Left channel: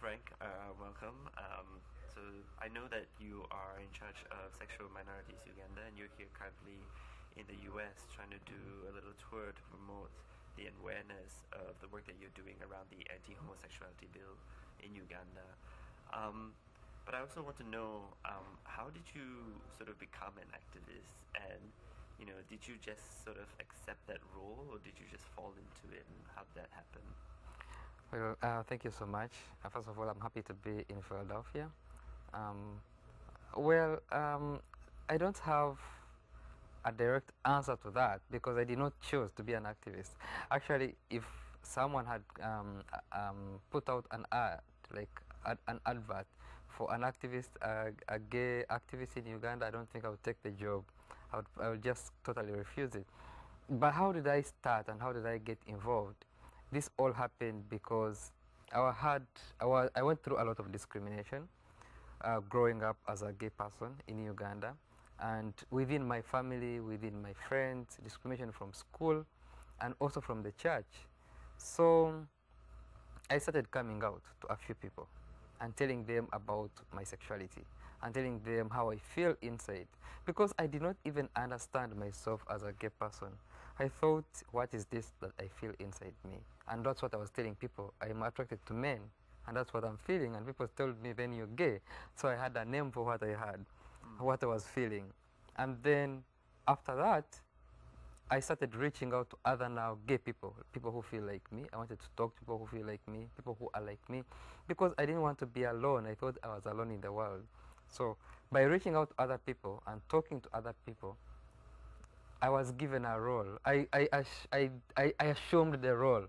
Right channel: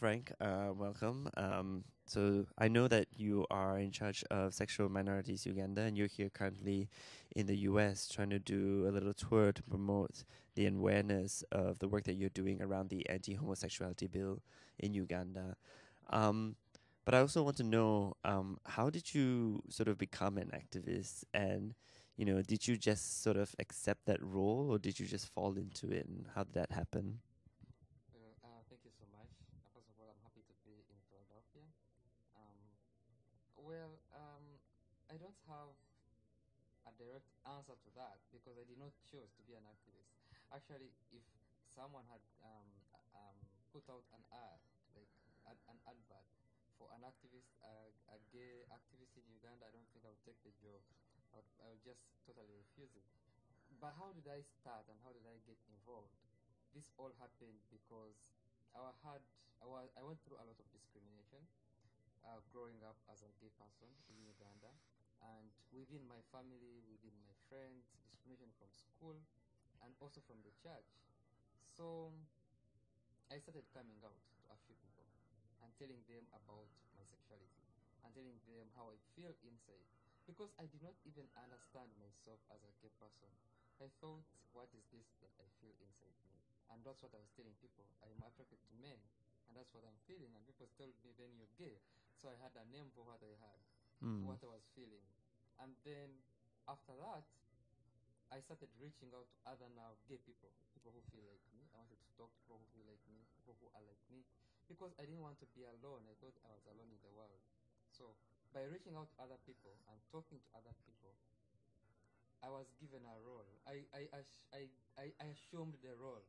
Frank, welcome. So I know that you are in charge of Sexual Minorities Uganda, and you're here currently in the U.S. trying to do a little tour to promote the awareness of the work that you're doing around the anti-homosexuality bill in Uganda. Um, but I also want to know, how did you sort of become an activist, and did you just sort of accept that role, or did you just fall into it, and how did that happen? Well, thank you so much. First of all, I'm happy to be in Philadelphia. Um, well, I don't have a direct answer to that because I did not choose to be an activist. Actually, if someone had put out an ad, like an advert for an activist, a gay activist in Uganda, I don't think I would take the job. I would just totally refuse it. But how did I start and how did I get involved? This all happened because I went through a lot of discrimination growing up as a gay person in Uganda, and within my family, within my friends, discrimination from school, and also from the church. So I started coming out to a few people and telling them about my sexuality and telling them how I feel inside because I did not even understand myself as a gay person. I thought, what is this that I feel inside me? And that's what I was telling people. I'm attracted to men, and that's what I'm feeling. And people told me, then you're gay. So I had a name for what I had, Mm. what I was feeling. And then after that, I started reaching out to other now gay people, people who feel like me. I wanted to talk to people who feel like me, people who are like me, because I didn't want to be alone. I thought I was alone in the world. So by reaching out to other people and talking to other people, I was given a role. I assumed the role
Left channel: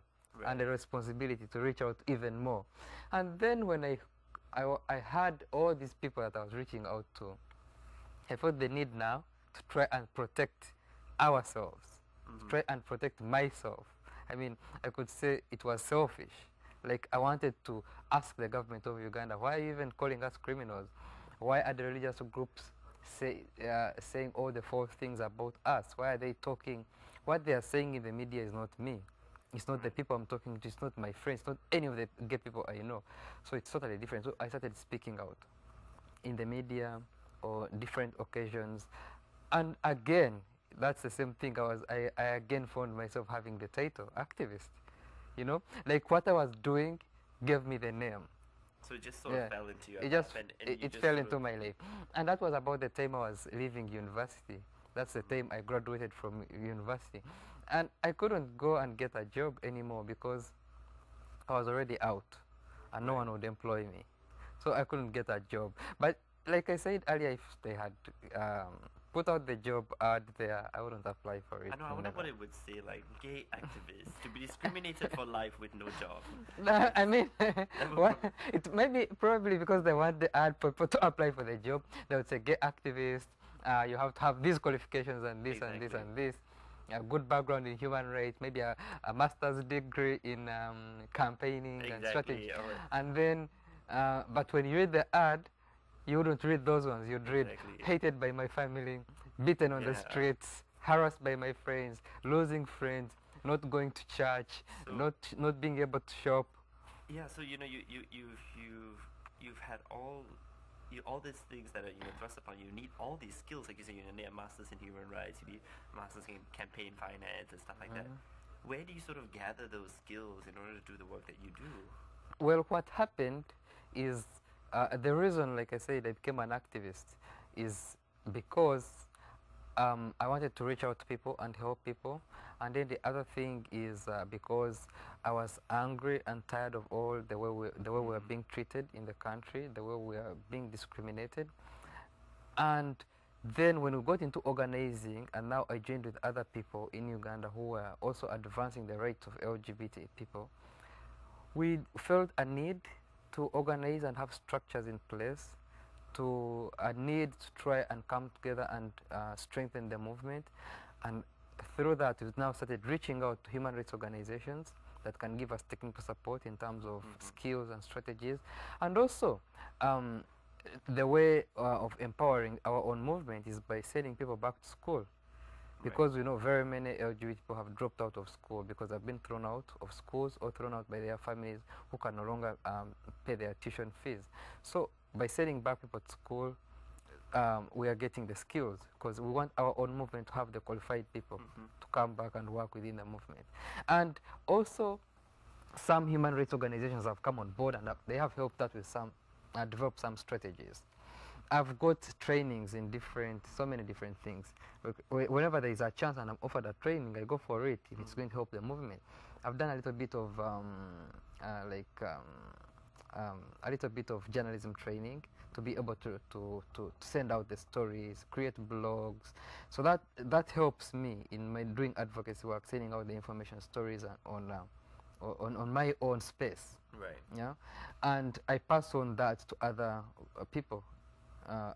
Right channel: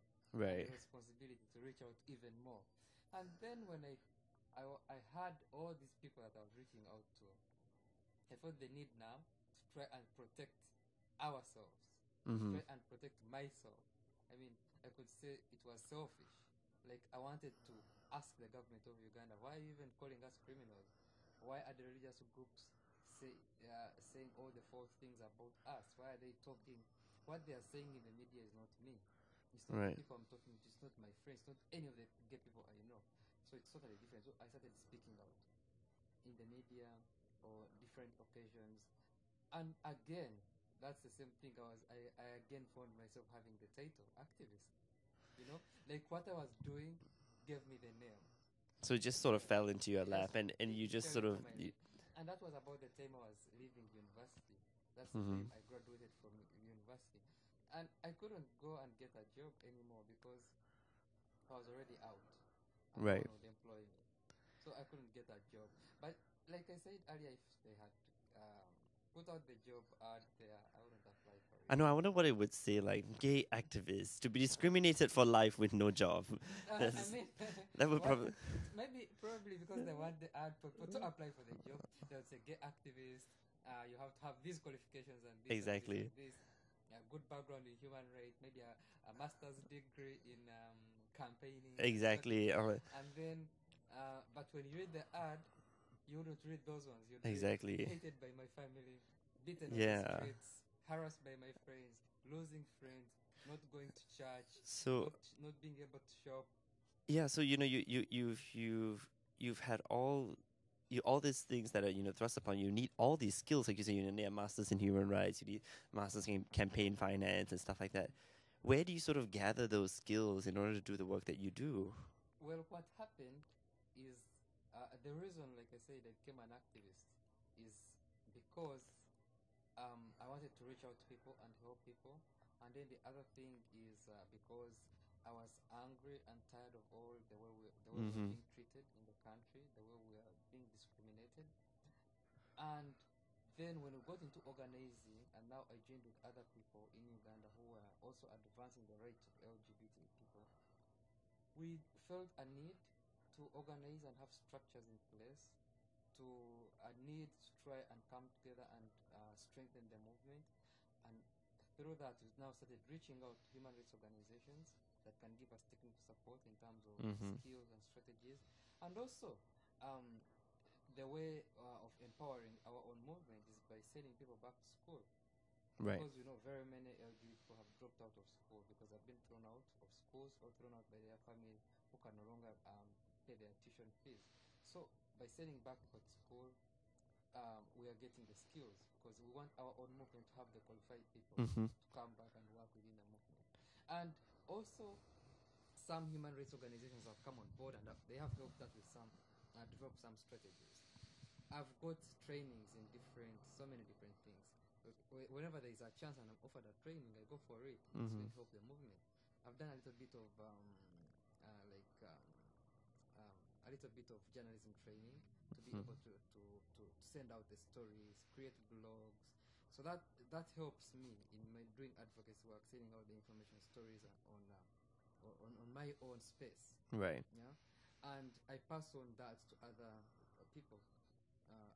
and the Right. responsibility to reach out even more. And then when I had all these people that I was reaching out to, I felt the need now to try and protect ourselves, to Mm-hmm. try and protect myself. I mean, I could say it was selfish. Like, I wanted to ask the government of Uganda, why are you even calling us criminals? Why are the religious groups saying all the false things about us? Why are they talking? What they are saying in the media is not me. It's not the Right. people I'm talking to. It's not my friends. It's not any of the gay people I know. So it's totally different. So I started speaking out in the media or different occasions. And again, that's the same thing. I again found myself having the title activist. You know, like what I was doing gave me the name. So it just sort of Yeah, fell into your it lap, just and you it just fell sort of into my life, and that was about the time I was leaving university. That's the mm-hmm. time I graduated from university, and I couldn't go and get a job anymore because I was already out, and no Right. one would employ me, so I couldn't get a job. But like I said earlier, if they had put out the job ad there, I wouldn't apply for I it. know. I wonder Never. what it would say, like gay activists to be discriminated for life with no job. No, I That's mean, that would what, probably it may be probably because they want the ad people to apply for the job. They would say, "Get activist. You have to have these qualifications and this and this exactly, and this. A good background in human rights, maybe a master's degree in campaigning and strategy." exactly. I'm like, And then, but when you read the ad, you wouldn't read those ones. You'd read exactly. hated by my family, beaten on the Yeah. streets, harassed by my friends, losing friends, not going to church, So not being able to shop. yeah. So you've had all these things that are thrust upon you. You need all these skills, like you say. You need a master's in human rights. You need masters in campaign finance and stuff like that. Where do you sort of gather those skills in order to do the work that you do? Well, what happened is the reason, like I said, I became an activist is because I wanted to reach out to people and help people. And then the other thing is because I was angry and tired of all the way we are Mm-hmm. being treated in the country, the way we are being discriminated. And then when we got into organizing, and now I joined with other people in Uganda who were also advancing the rights of LGBT people, we felt a need to organize and have structures in place, to a need to try and come together and strengthen the movement. And through that, we've now started reaching out to human rights organizations that can give us technical support in terms of Mm-hmm. skills and strategies. And also, um, the way of empowering our own movement is by sending people back to school. Right. because we know very many LGBT people have dropped out of school because they've been thrown out of schools or thrown out by their families who can no longer pay their tuition fees. So by sending back people to school, we are getting the skills, because we want our own movement to have the qualified people to come back and work within the movement. And also, some human rights organizations have come on board, and they have helped us with some, develop some strategies. I've got trainings in so many different things. Whenever there is a chance and I'm offered a training, I go for it if it's going to help the movement. I've done a little bit of a little bit of journalism training to be able to send out the stories, create blogs. So that helps me in my doing advocacy work, sending out the information stories on my own space. Right. Yeah, and I pass on that to other people,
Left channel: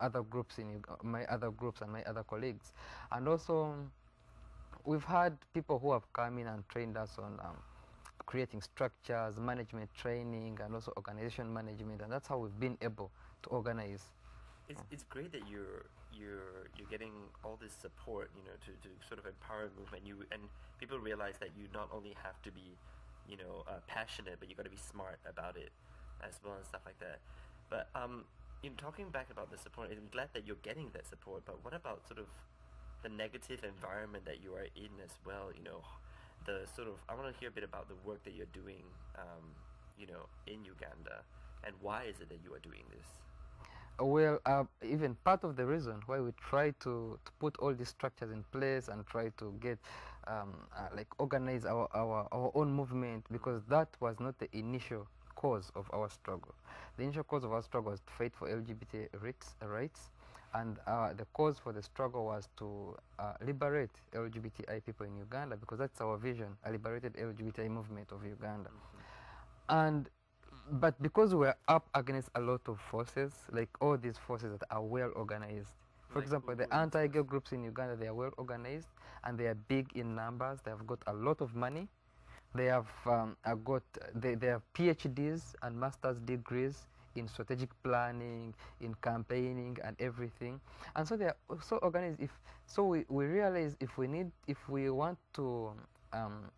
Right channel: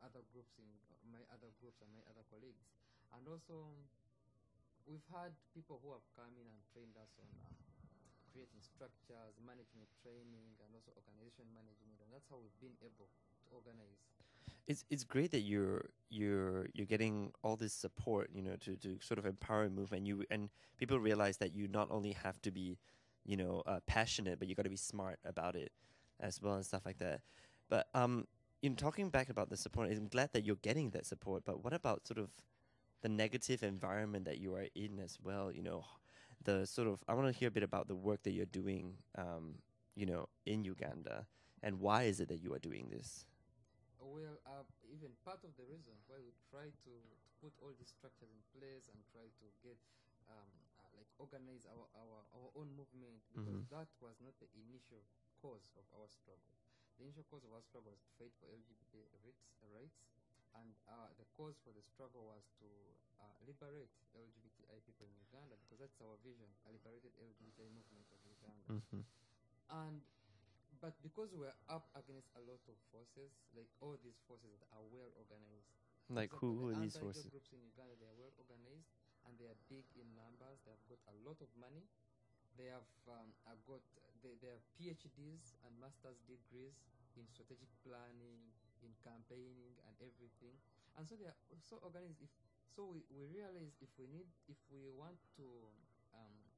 other groups my other groups and my other colleagues. And also, we've had people who have come in and trained us on creating structures, management training, and also organization management, and that's how we've been able to organize. It's great that you're getting all this support, you know, to sort of empower a movement. And people realize that you not only have to be, you know, passionate, but you got to be smart about it as well and stuff like that. But in talking back about the support, I'm glad that you're getting that support. But what about sort of the negative environment that you are in as well? You know, the sort of, I want to hear a bit about the work that you're doing, you know, in Uganda, and why is it that you are doing this? Well, even part of the reason why we try to put all these structures in place and try to get like organize our own movement, because that was not the initial cause of our struggle. The initial cause of our struggle was to fight for LGBT rights, and the cause for the struggle was to liberate LGBTI people in Uganda, because that's our vision, a liberated LGBTI movement of Uganda. But because we're up against a lot of forces, like all these forces that are well organized. For example, the anti-gay groups in Uganda, they are well organized and they are big in numbers. They have got a lot of money. They have they have PhDs and master's degrees in strategic planning, in campaigning and everything. And so they are so organized. We realize if we want to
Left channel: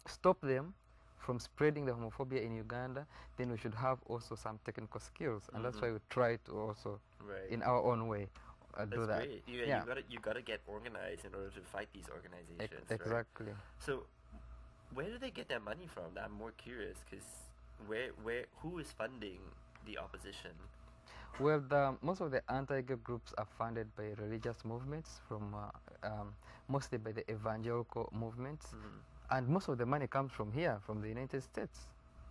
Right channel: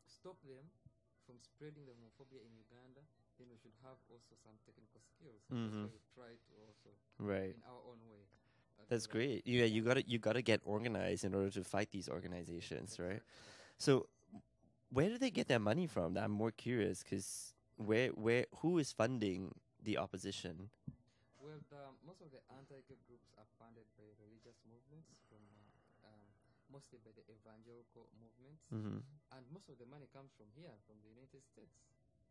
stop them from spreading the homophobia in Uganda, then we should have also some technical skills, and that's why we try to also, in our own way, that's do that. great. You gotta get organized in order to fight these organizations. Exactly. Right? So, where do they get their money from? I'm more curious, because who is funding the opposition? Well, most of the anti-gay groups are funded by religious movements, mostly by the evangelical movements. And most of the money comes from here, from the United States.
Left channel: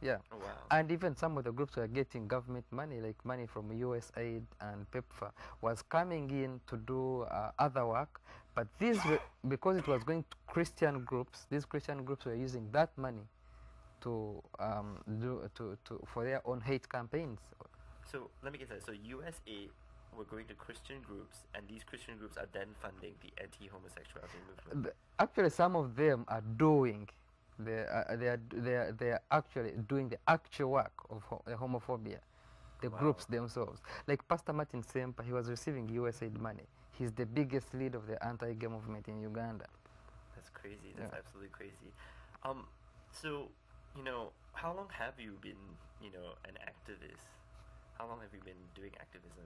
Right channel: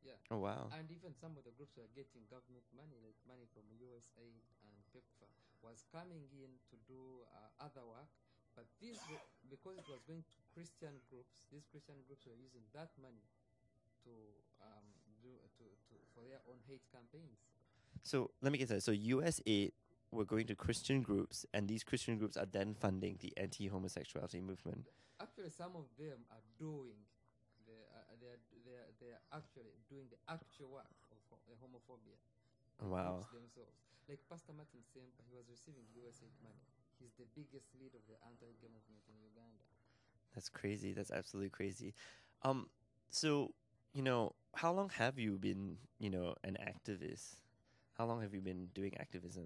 Yeah. Oh, wow. And even some of the groups were getting government money, like money from USAID and PEPFAR, was coming in to do other work. But because it was going to Christian groups, these Christian groups were using that money to for their own hate campaigns. So let me get that. So USAID were going to Christian groups, and these Christian groups are then funding the anti-homosexuality movement. Actually, some of them are doing. They are actually doing the actual work of homophobia. The groups themselves, like Pastor Martin Sempa, he was receiving USAID money. He's the biggest leader of the anti-gay movement in Uganda. That's crazy. That's absolutely crazy. So, you know, how long have you been, you know, an activist? How long have you been doing activism?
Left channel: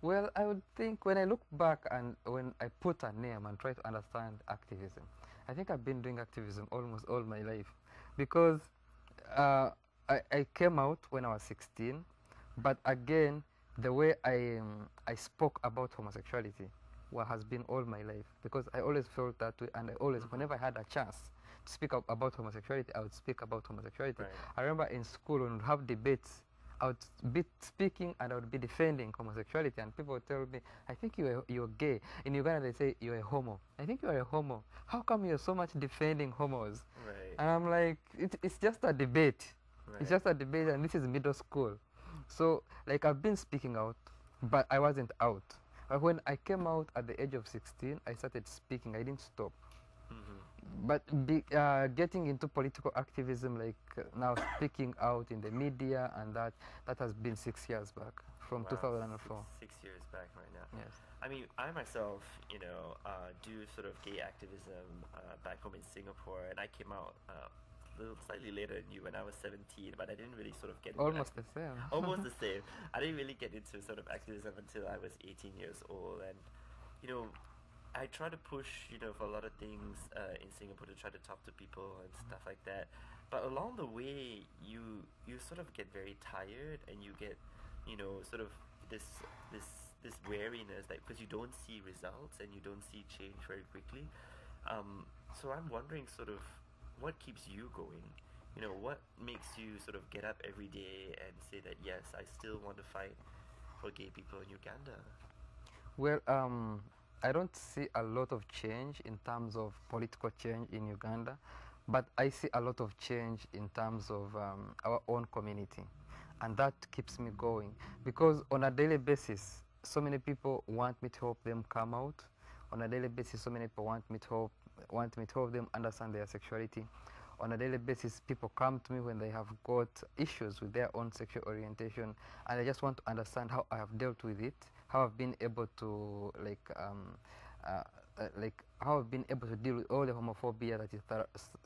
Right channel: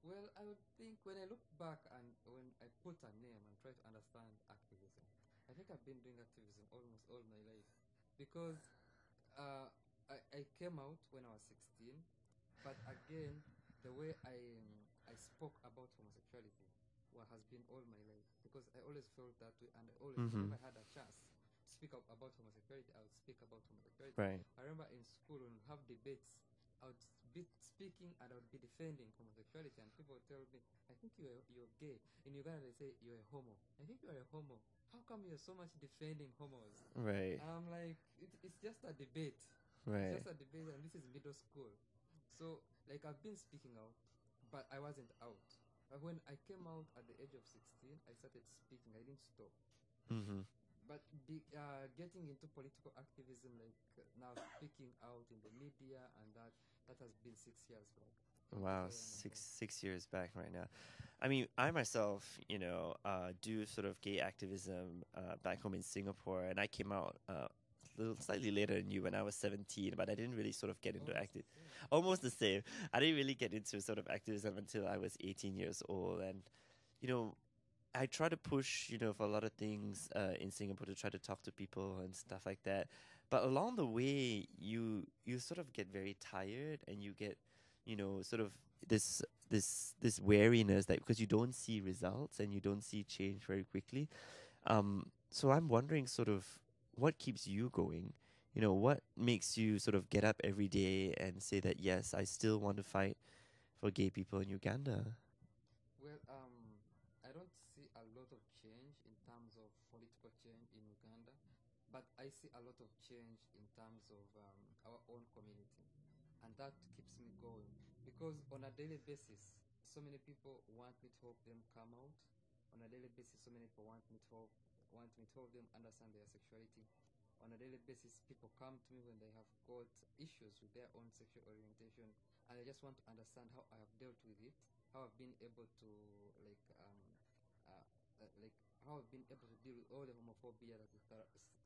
Well, I would think when I look back and when I put a name and try to understand activism, I think I've been doing activism almost all my life, because I came out when I was 16, but again, the way I spoke about homosexuality has been all my life, because I always felt that way, and I always, whenever I had a chance to speak about homosexuality, I would speak about homosexuality. Right. I remember in school when we have debates, I would be speaking and I would be defending homosexuality, and people would tell me, I think you're gay. In Uganda they say you're a homo. I think you're a homo. How come you're so much defending homos? Right. And I'm like, it's just a debate. Right. It's just a debate, and this is middle school. So like I've been speaking out, but I wasn't out. But when I came out at the age of 16, I started speaking. I didn't stop. But getting into political activism, like now speaking out in the media, and that has been 6 years back, from 2004. 6 years back right now. Yes. I mean, I myself, do sort of gay activism back home in Singapore, and I came out a little slightly later than you when I was 17, but I didn't really sort of get into Almost the same. almost the same. I didn't really get into sort of activism until I was 18 years old, and you know, I try to push, for a lot of things in Singapore to try to talk to people and stuff like that. But along the way, you sort of get very tired, and you get, sort of this wariness, that because you don't see results and you don't see change very quickly. So I'm wondering, sort of, what keeps you going? What makes you sort of get up every day and say that yes, I still want to fight for gay people in Uganda? Well, I don't see a lot of change in terms of political change in Uganda, but I see a lot of change in terms of our own community. And that keeps me going because on a daily basis, so many people want me to help them come out. On a daily basis, so many people want me to help them understand their sexuality. On a daily basis, people come to me when they have got issues with their own sexual orientation, and they just want to understand how I have dealt with it, how I've been able to how I've been able to deal with all the homophobia that is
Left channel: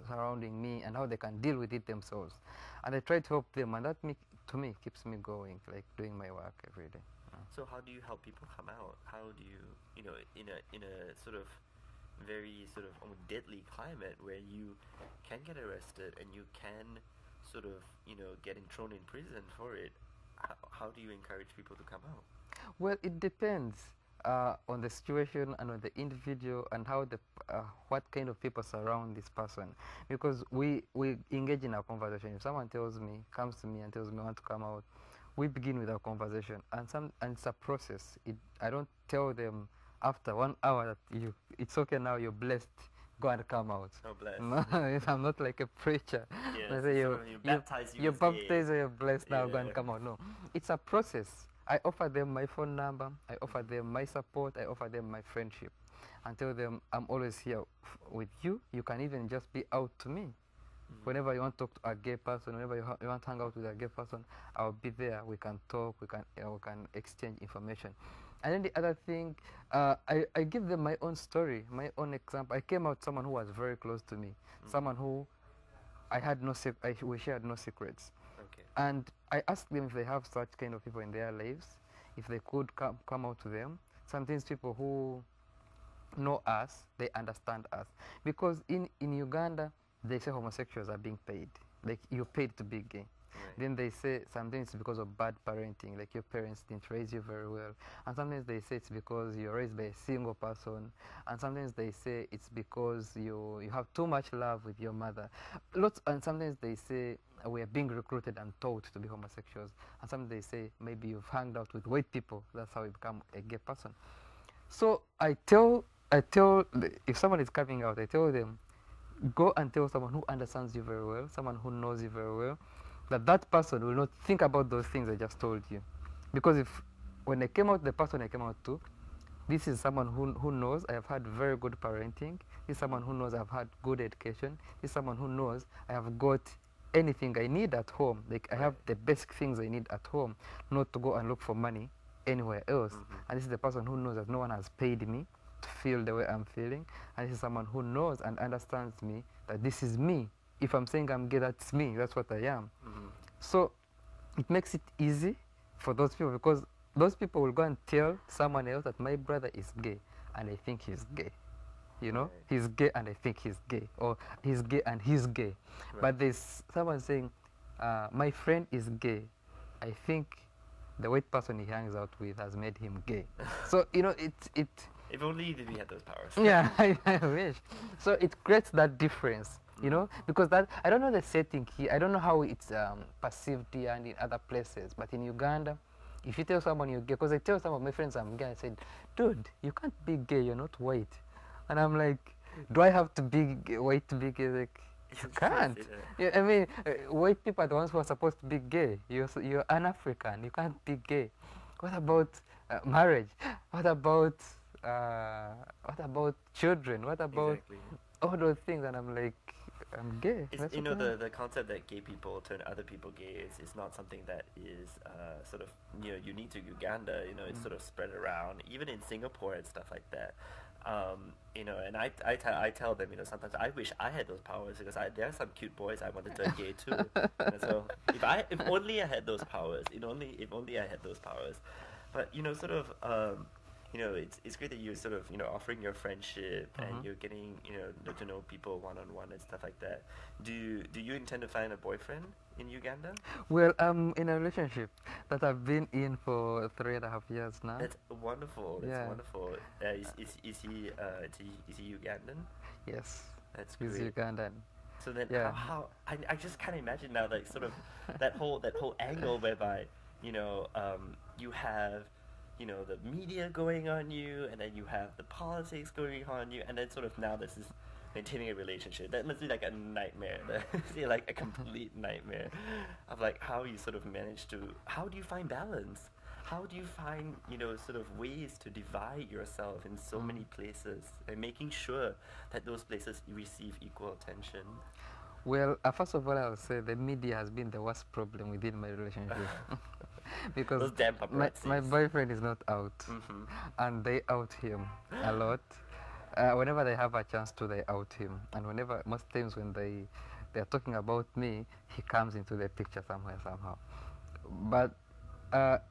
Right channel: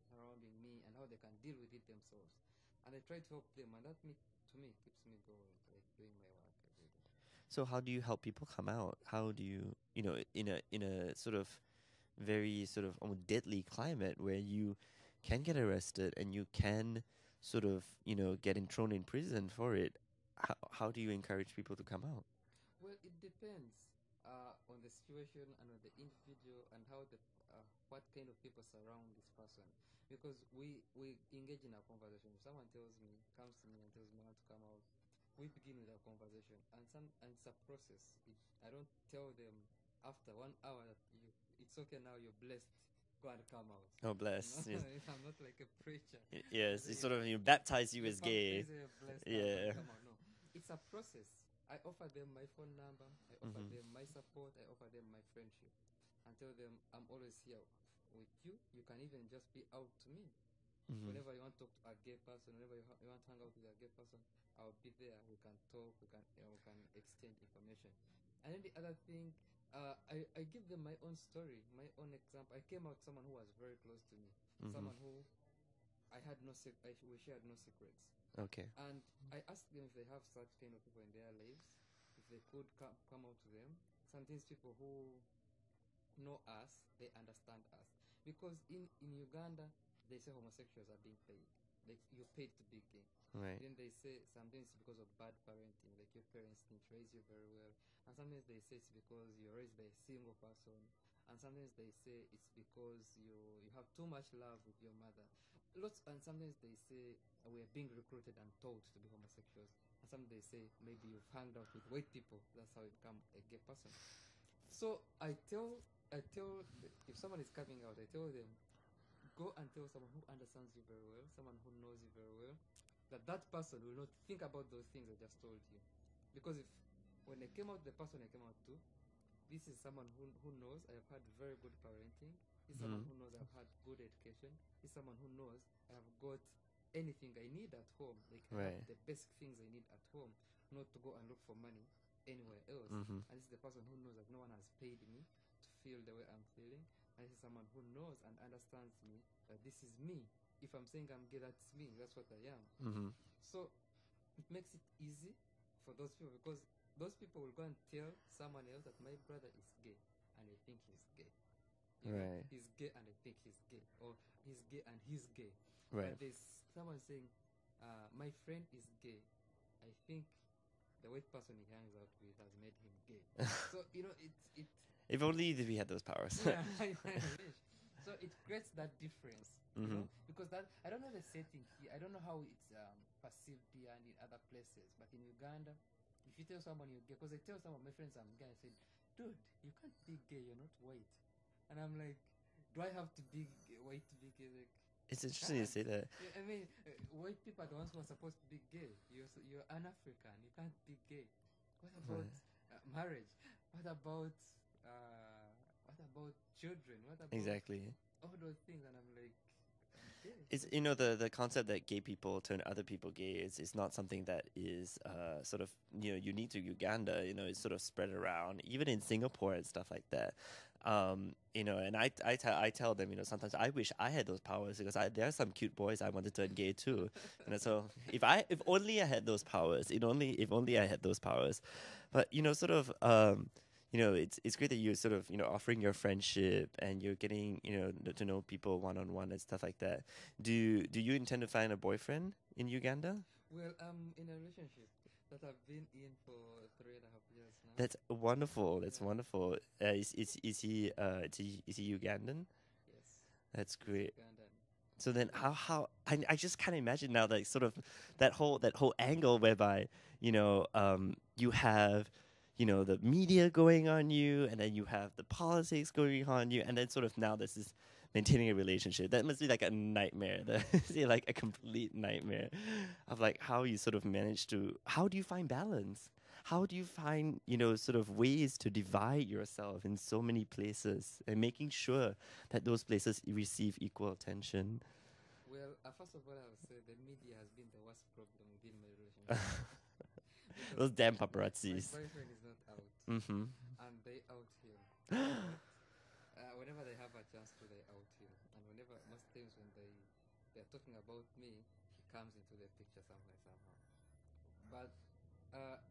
surrounding me, and how they can deal with it themselves. And I try to help them, and that to me keeps me going, like doing my work every day. So how do you help people come out? How do you, in a sort of very sort of deadly climate where you can get arrested and you can sort of, get thrown in prison for it, how do you encourage people to come out? Well, it depends on the situation and on the individual and how what kind of people surround this person. Because we engage in our conversation. If someone comes to me and tells me I want to come out, we begin with our conversation, and it's a process. I don't tell them after 1 hour that it's okay now, you're blessed, go and come out. Oh, bless. No, Yeah. I'm not like a preacher. Yeah, Say so sort of you baptize you you're as gay. baptized, you're blessed now, go Yeah. and come out. No, it's a process. I offer them my phone number, I offer them my support, I offer them my friendship, and tell them I'm always here with you. You can even just be out to me. Whenever you want to talk to a gay person, whenever you want to hang out with a gay person, I'll be there. We can talk, we can exchange information. And then the other thing, I give them my own story, my own example. I came out someone who was very close to me, someone who we shared no secrets. Okay. And I asked them if they have such kind of people in their lives, if they could come out to them. Sometimes people who know us, they understand us. Because in Uganda, they say homosexuals are being paid. Like, you're paid to be gay. Right. Then they say sometimes it's because of bad parenting, like your parents didn't raise you very well. And sometimes they say it's because you're raised by a single person. And sometimes they say it's because you have too much love with your mother. And sometimes they say we are being recruited and taught to be homosexuals. And sometimes they say maybe you've hung out with white people, that's how you become a gay person. So I tell if someone is coming out, I tell them, go and tell someone who understands you very well, someone who knows you very well, that person will not think about those things I just told you. Because when I came out, the person I came out to, this is someone who knows I have had very good parenting. This is someone who knows I've had good education. This is someone who knows I have got anything I need at home. Like, I have the basic things I need at home, not to go and look for money anywhere else. And this is the person who knows that no one has paid me to feel the way I'm feeling. And this is someone who knows and understands me, that this is me. If I'm saying I'm gay, that's me. That's what I am. So it makes it easy for those people, because those people will go and tell someone else that my brother is gay and I think he's gay. Right. He's gay and I think he's gay, or he's gay and he's gay. Right. But there's someone saying, my friend is gay. I think the white person he hangs out with has made him gay. So, it If only we had those powers. yeah, I wish. So it creates that difference, because that, I don't know the setting here. I don't know how it's perceived here and in other places. But in Uganda, if you tell someone you're gay, because I tell some of my friends I'm gay, I said, dude, you can't be gay, you're not white. And I'm like, do I have to be white to be gay? Like, you can't. Yeah, I mean, white people are the ones who are supposed to be gay. You're an African, you can't be gay. What about marriage? What about children? What about Exactly. all those things? And I'm like, I'm gay. It's, That's you what know, I am. the concept that gay people turn other people gay is not something that is sort of, you know, unique to Uganda. You know, it's sort of spread around, even in Singapore and stuff like that. You know, and I tell them, you know, sometimes I wish I had those powers because there are some cute boys I want to turn gay too. You know, so if only I had those powers, if only I had those powers. But you know, sort of, you know, it's great that you're sort of, you know, offering your friendship and you're getting, you know, to know people one on one and stuff like that. Do you intend to find a boyfriend in Uganda? Well, I'm in a relationship that I've been in for 3.5 years now. That's wonderful. That's Yeah. wonderful. Is he Ugandan? Yes. That's He's great. Ugandan. So then, Yeah. how I just can't imagine now, like sort of that whole angle whereby, you know, you have, you know, the media going on you, and then you have the politics going on you, and then sort of now this is maintaining a relationship. That must be like a nightmare. That's like a complete nightmare of like how you sort of manage to. How do you find balance? How do you find, you know, sort of ways to divide yourself in so many places and making sure that those places receive equal attention? Well, first of all, I would say the media has been the worst problem within my relationship. Because Those damn my paparazzis. boyfriend is not out, and they out him a lot. Whenever they have a chance to, they out him, and whenever most times when they're talking about me, he comes into the picture somewhere somehow. But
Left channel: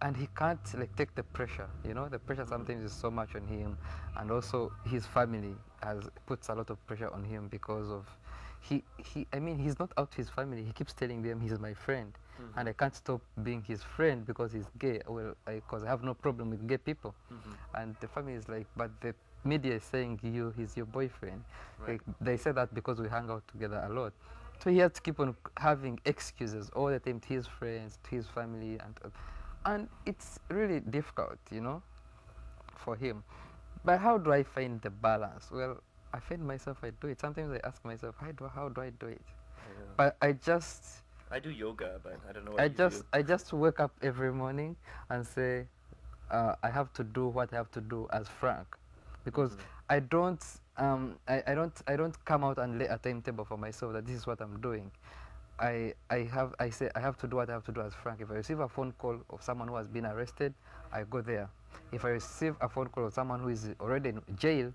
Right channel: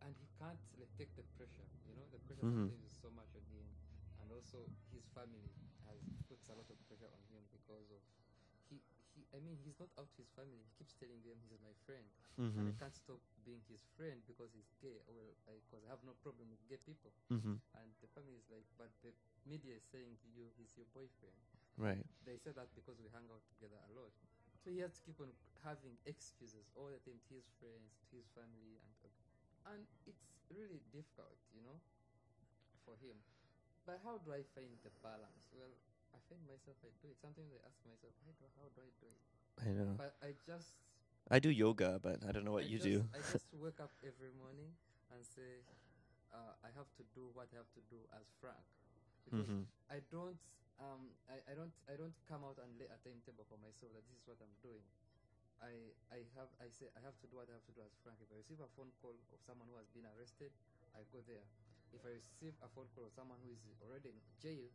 and he can't like take the pressure. You know, the pressure sometimes is so much on him, and also his family has puts a lot of pressure on him because of he. I mean, he's not out to his family. He keeps telling them he's my friend, and I can't stop being his friend because he's gay. Well, because I have no problem with gay people, and the family is like, but the media is saying he's your boyfriend. Right. They say that because we hang out together a lot. So he has to keep on having excuses all the time to his friends, to his family, and it's really difficult, you know, for him. But how do I find the balance? Well, I find myself, I do it. Sometimes I ask myself, how do I do it? I know. But I do yoga, but I don't know what you do. I just wake up every morning and say, I have to do what I have to do as Frank, because I don't, I don't come out and lay a timetable for myself that this is what I'm doing. I say I have to do what I have to do as Frank. If I receive a phone call of someone who has been arrested, I go there. If I receive a phone call of someone who is already in jail,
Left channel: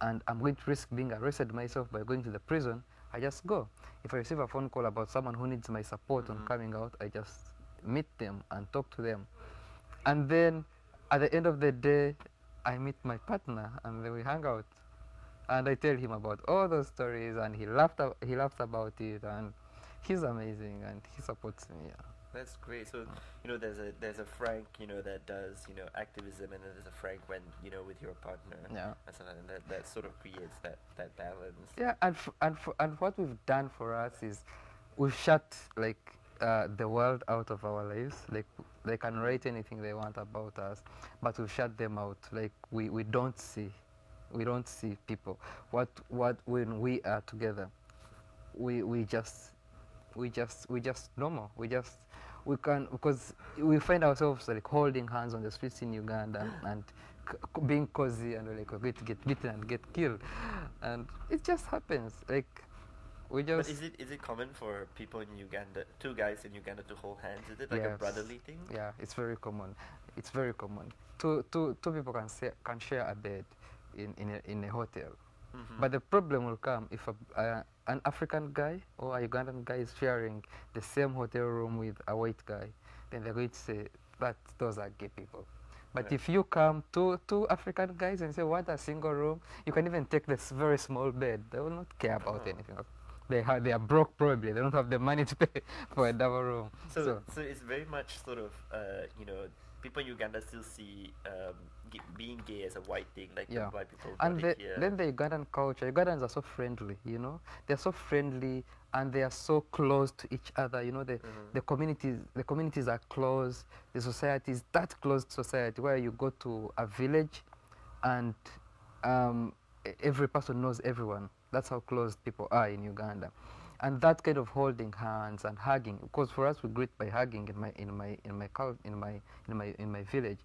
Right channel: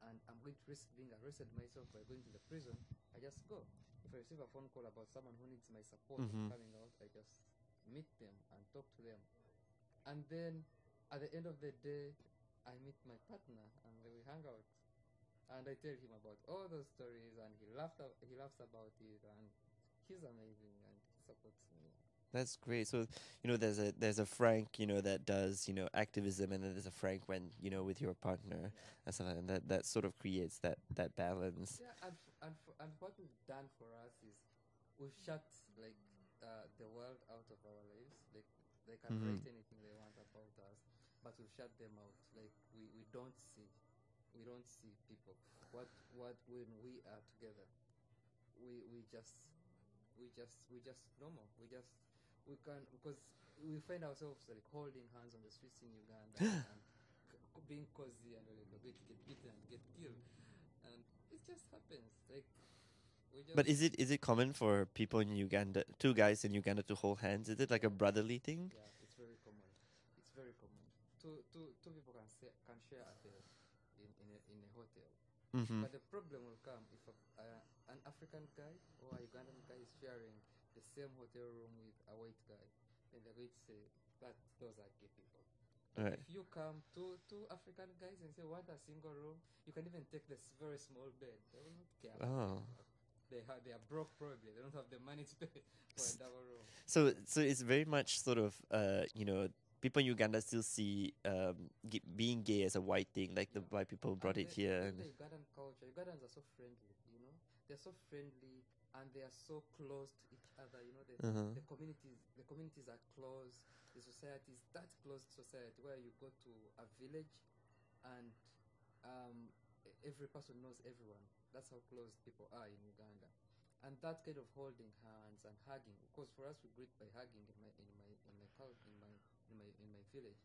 and I'm going to risk being arrested myself by going to the prison, I just go. If I receive a phone call about someone who needs my support on coming out, I just meet them and talk to them. And then at the end of the day, I meet my partner and then we hang out. And I tell him about all those stories, and he laughs about it, and he's amazing and he supports me. Yeah. That's great. So, you know, there's a Frank, you know, that does, you know, activism, and then there's a Frank when, you know, with your partner. Yeah. And that sort of creates that balance. Yeah, and what we've done for us is we've shut like the world out of our lives. Like they can write anything they want about us, but we've shut them out. Like we don't see people. What when we are together, we just normal. We can, because we find ourselves like holding hands on the streets in Uganda and being cozy, and like we're going to get beaten and get killed, and it just happens. Like we just. But is it common for people in Uganda, two guys in Uganda, to hold hands? Is it like a Yes. brotherly thing? Yeah, it's very common. It's very common. Two people can share a bed in a hotel. But the problem will come if an African guy or a Ugandan guy is sharing the same hotel room with a white guy. Then they're going to say that those are gay people. But Right. if you come two African guys and say, what, a single room, you can even take this very small bed. They will not care about anything else. They are broke probably. They don't have the money to pay for a double room. So it's very much sort of, you know, people in Uganda still see being gay as a white thing, like the white people brought And it here. then the Ugandan culture, Ugandans are so friendly, you know. They're so friendly and they are so close to each other. You know, the communities are close. The society is that closed society where you go to a village and every person knows everyone. That's how close people are in Uganda. And that kind of holding hands and hugging, because for us we greet by hugging in my village,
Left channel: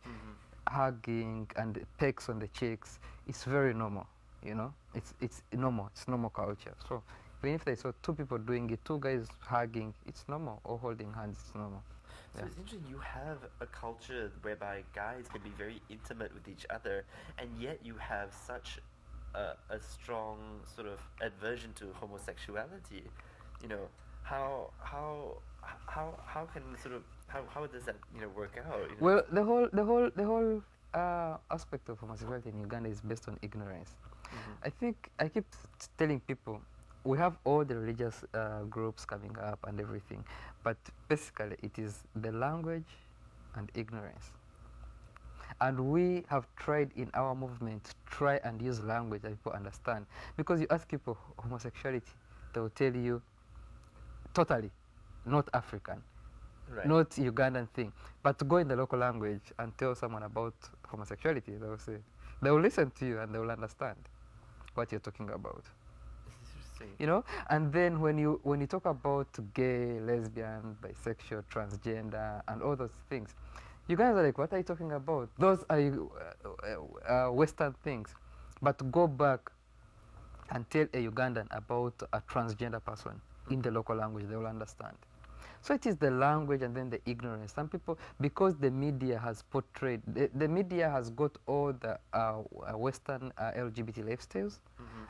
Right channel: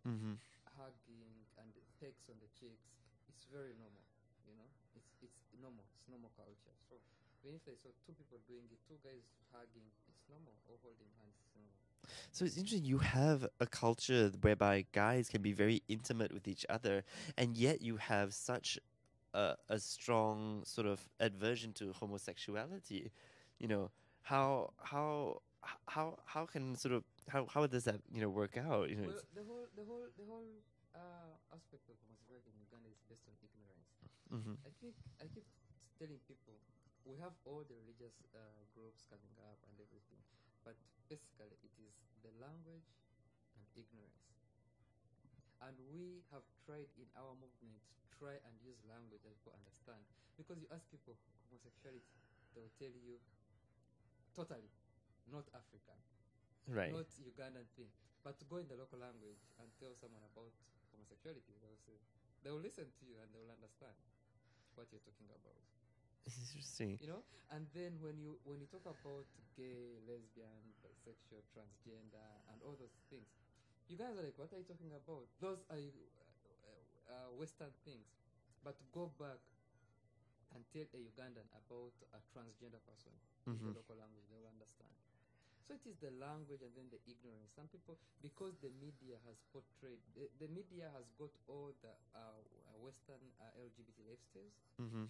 hugging and pecks on the cheeks, it's very normal, you know. It's normal. It's normal culture. So Even if they saw two people doing it, two guys hugging, it's normal, or holding hands, it's normal. So Yeah. it's interesting. You have a culture whereby guys can be very intimate with each other, and yet you have such a strong sort of aversion to homosexuality. You know, how can sort of how does that work out? You know, Well, the whole aspect of homosexuality in Uganda is based on ignorance. I think I keep telling people we have all the religious groups coming up and everything, but basically it is the language and ignorance. And we have tried in our movement to try and use language that people understand. Because you ask people homosexuality, they will tell you totally not African, right? not Ugandan thing. But to go in the local language and tell someone about homosexuality, they will say, they will listen to you and they will understand what you're talking about. This is interesting. You know, and then when you talk about gay, lesbian, bisexual, transgender, and all those things, you guys are like, what are you talking about? Those are Western things. But to go back and tell a Ugandan about a transgender person in the local language, they will understand. So it is the language and then the ignorance. Some people, because the media has portrayed, the media has got all the Western LGBT lifestyles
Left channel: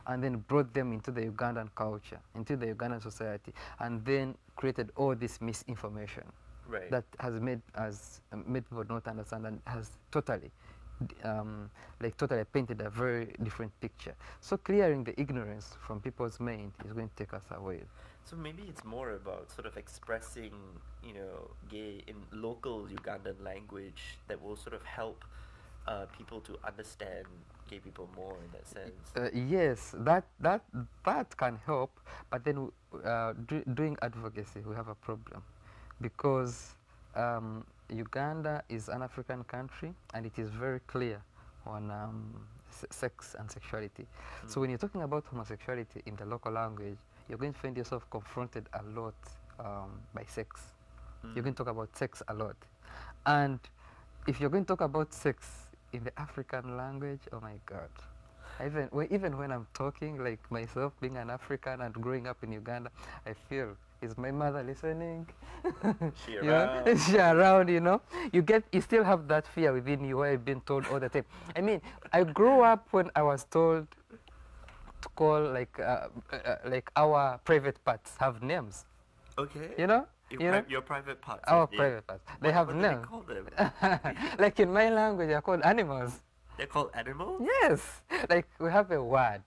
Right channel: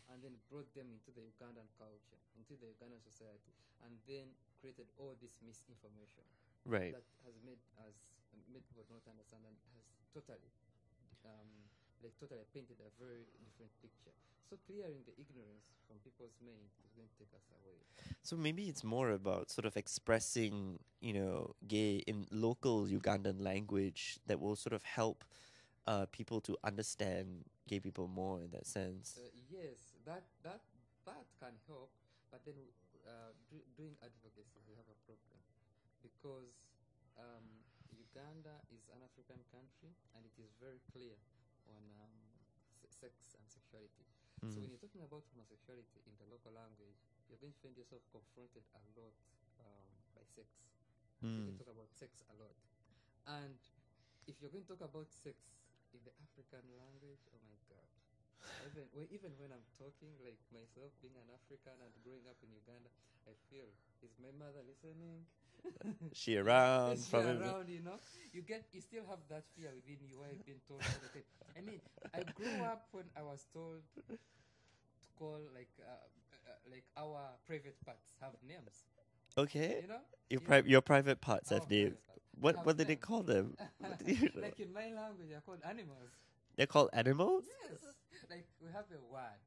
and then brought them into the Ugandan culture, into the Ugandan society, and then created all this misinformation Right. that has made people not understand and has totally totally painted a very different picture. So clearing the ignorance from people's mind is going to take us away. So maybe it's more about sort of expressing, gay in local Ugandan language that will sort of help people to understand gay people more in that sense. Yes, that can help, but then doing advocacy, we have a problem because Uganda is an African country and it is very clear on sex and sexuality. So when you're talking about homosexuality in the local language, you're going to find yourself confronted a lot by sex. You're going to talk about sex a lot. And if you're going to talk about sex in the African language, oh my God. Even when I'm talking, like myself being an African and growing up in Uganda, I feel, is my mother listening? She around? Is she around, You still have that fear within you where you've been told all the time. I mean, I grew up when I was told to call like our private parts have names. Okay. Your private parts. Our private parts. They have what names. do they call them? Like in my language, they're called animals. They're called animals? Yes. Like we have a word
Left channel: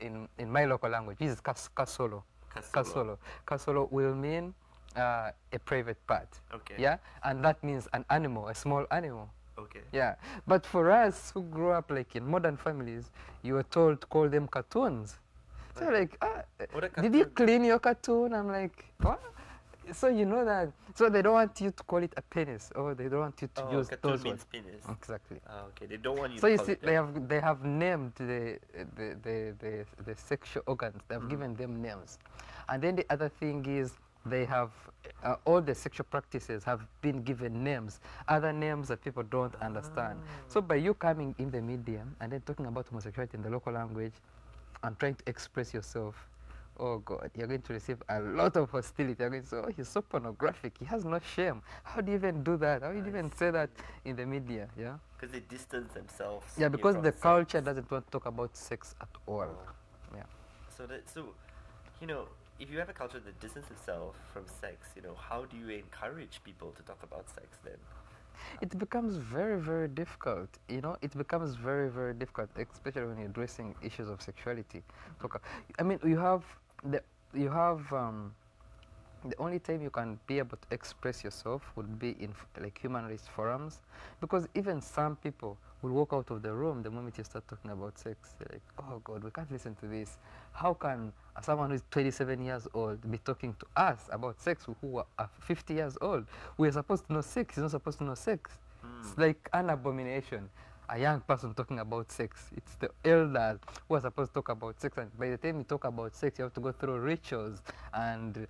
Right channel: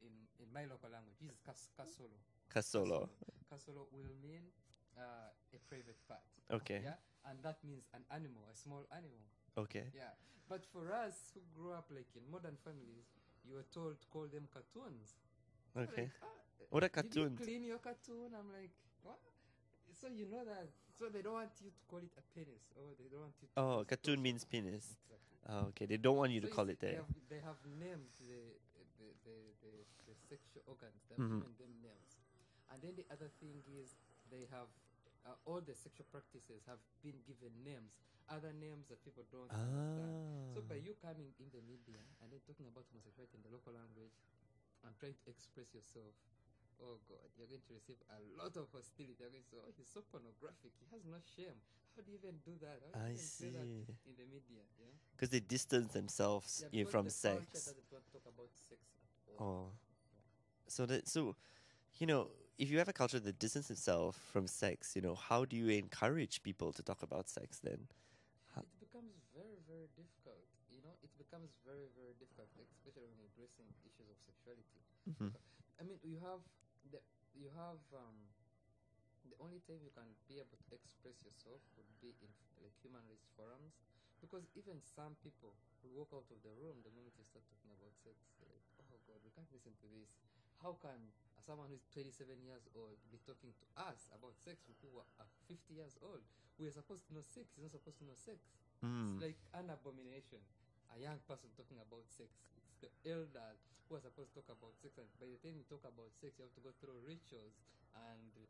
in my local language. This is kasolo. Kasolo. Kasolo will mean a private part. Okay. Yeah, and that means an animal, a small animal. Okay. Yeah, but for us who grew up like in modern families, you were told to call them cartoons. So like, did you clean your cartoon? I'm like, what? So you know that. So they don't want you to call it a penis, or they don't want you to use cartoon those means words. penis. Exactly. Okay, they don't want you So to you call see, it that. they have named the sexual organs. They have given them names, and then the other thing is they have all the sexual practices have been given names, other names that people don't understand. So by you coming in the media and then talking about homosexuality in the local language and trying to express yourself, oh God, you're going to receive a lot of hostility. You're going to say, oh, he's so pornographic. He has no shame. How do you even do that? How do you even say that in the media? Yeah. Because they distance themselves. Yeah, because from the sex. culture doesn't want to talk about sex at all. Yeah. So if you have a culture that distances itself from sex, how do you encourage people to talk about sex then? It becomes very, very difficult. It becomes very, very difficult, especially when you're addressing issues of sexuality. I mean, the only time you can be able to express yourself would be in like human rights forums, because even some people will walk out of the room the moment you start talking about sex. They're like, oh God, we can't listen to this. How can someone who is 27 years old be talking to us about sex who are 50 years old? We're supposed to know sex. He's not supposed to know sex. It's like an abomination. A young person talking about sex. It's the elders who are supposed to talk about sex, and by the time you talk about sex, you have to go through rituals and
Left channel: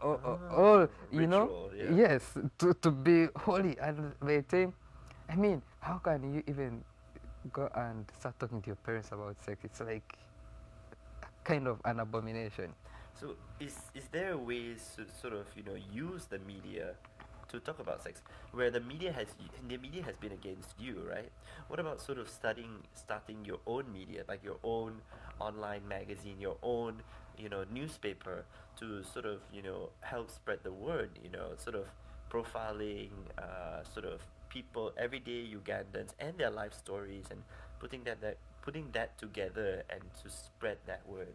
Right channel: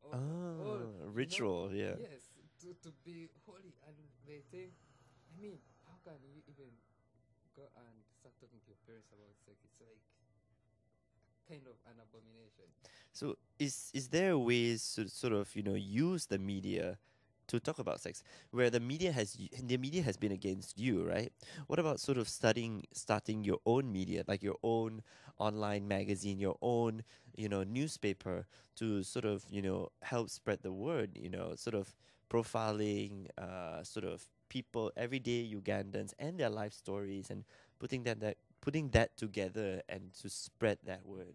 all ritual, yeah. Yes, to be holy. And by the time, I mean, how can you even go and start talking to your parents about sex? It's like kind of an abomination. So is there ways to sort of use the media to talk about sex, where the media has been against you, right? What about sort of starting your own media, like your own online magazine, your own newspaper, to sort of help spread the word, sort of profiling sort of people, everyday Ugandans and their life stories, and putting that together and to spread that word.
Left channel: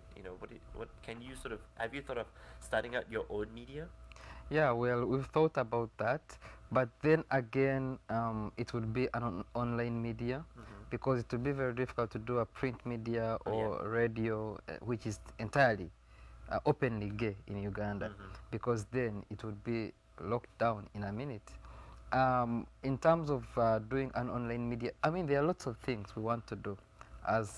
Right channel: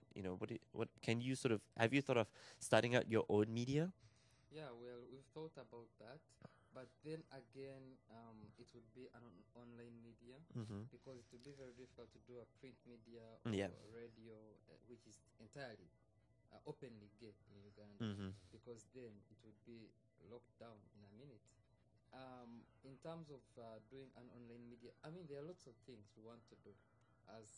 What can you sort of have you thought of starting out your own media? Yeah, well, we've thought about that, but then again, it would be an online media, Mm-hmm. because it would be very difficult to do a print media Yeah. or radio, which is entirely openly gay in Uganda, Mm-hmm. because then it would be locked down in a minute. In terms of doing an online media, I mean, there are lots of things we want to do as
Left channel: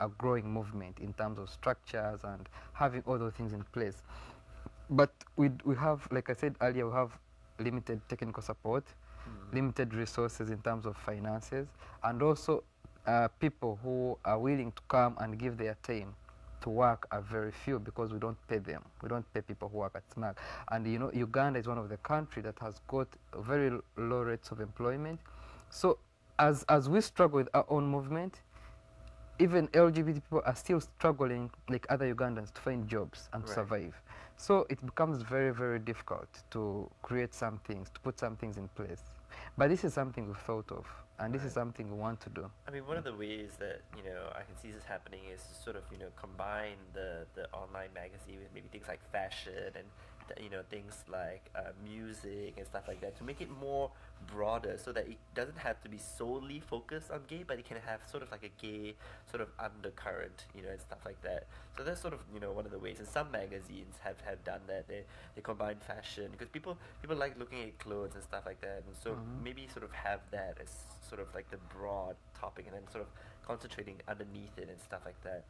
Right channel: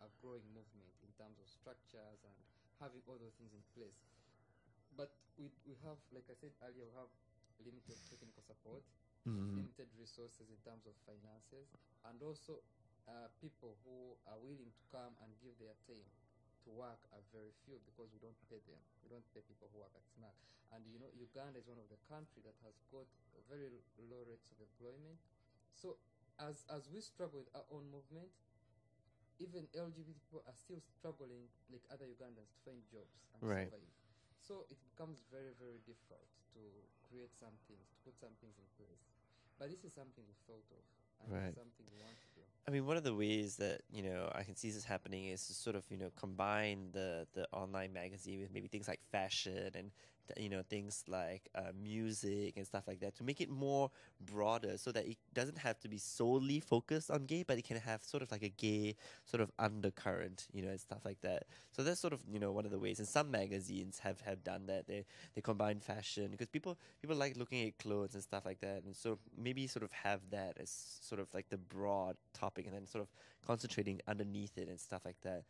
a growing movement in terms of structures and having all those things in place. But we have, like I said earlier, we have limited technical support, Mm-hmm. limited resources in terms of finances, and also people who are willing to come and give their time to work are very few, because we don't pay them. We don't pay people who work at SMAG. And Uganda is one of the countries that has got very low rates of employment. So as we struggle with our own movement, even LGBT people are still struggling, like other Ugandans, to find jobs and to Right. survive. So it becomes very, very difficult to create some things, to put some things in place. But this is something we've thought of, and this is Right. something we want to do. I mean, one of the ways that I can see this happening is to sort of combine the online magazine with maybe things like fashion and things like music and stuff like that, to make it more broader, so that it doesn't have to be solely focused on gay, but it can have sort of like a gay sort of undercurrent, and stuff like that. So that's sort of one of the ways. And some magazines have done that. They combine fashion, because people like looking at clothes and stuff like that, and so maybe sort of have that as sort of like the broad topic, and then sort of concentrating underneath it and stuff like that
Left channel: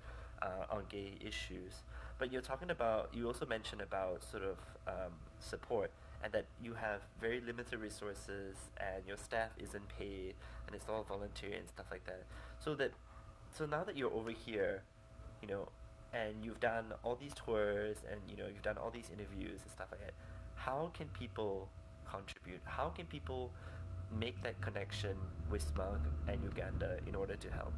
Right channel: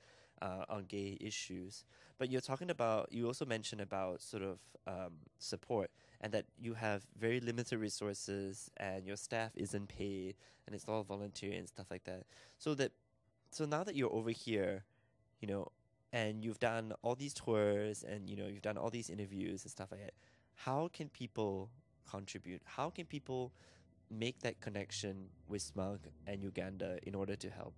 on gay issues. But you also mentioned about sort of support, and that you have very limited resources, and your staff isn't paid, and it's all volunteer and stuff like that. So now that you're over here, you know, and you've done all these tours, and you've done all these interviews and stuff like that, how can people contribute? How can people make that connection with SMUG and Uganda in order to help?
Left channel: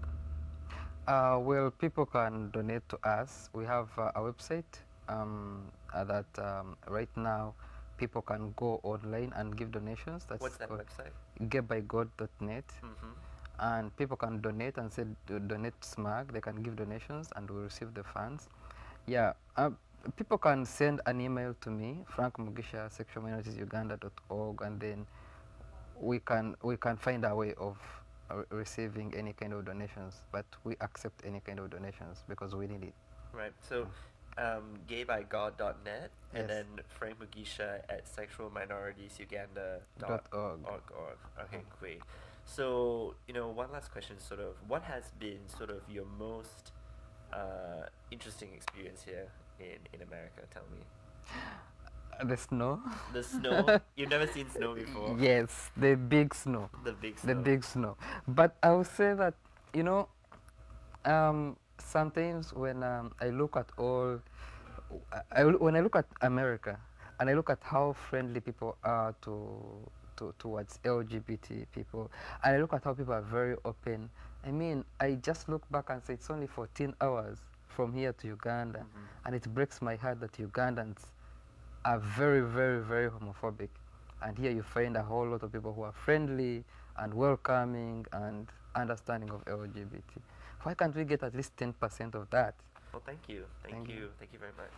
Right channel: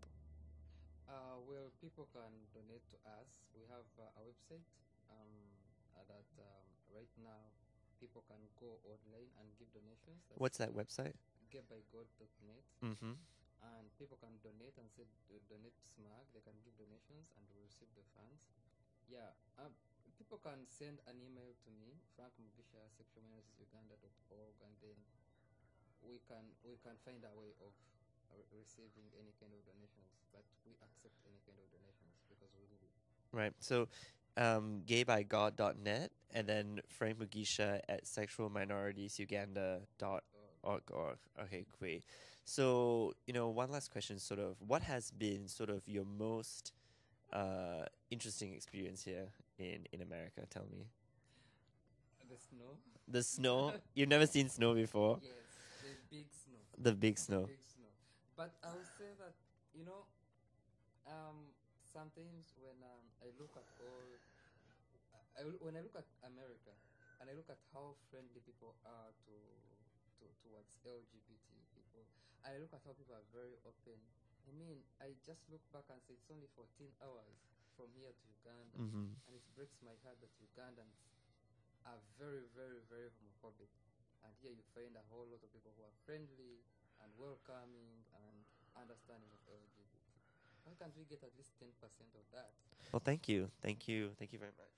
Well, people can donate to us. We have a website that right now people can go online and give donations. That's What's that called website? getbygod.net. Mm-hmm. And people can donate and say donate SMAG. They can give donations and we receive the funds. Yeah, people can send an email to me, Frank Mugisha, sexualminoritiesusuganda.org, and then we can find a way of receiving any kind of donations. But we accept any kind of donations because we need it. Right. So, gaybygod.net, and Yes. then Frank Mugisha at sexualminoritiesusuganda.org. .org. Okay, great. So, one last question, sort of, what has been sort of your most interesting experience here in America? Tell me. The snow. The snow? You've never seen snow before? Yes, the big snow. The big The snow. big snow. But I would say that, sometimes when I look at when I look at America, and I look at how friendly people are towards LGBT people, and I look at how people are very open. I mean, I just look back and say it's only 14 hours from here to Uganda, and it breaks my heart that Ugandans are very, very, very homophobic. And here you find a whole lot of people who are friendly and welcoming and understanding of LGBT. Why can't we get at least 10% of that? Well, thank you. Thank Thank you. you. Thank you very much.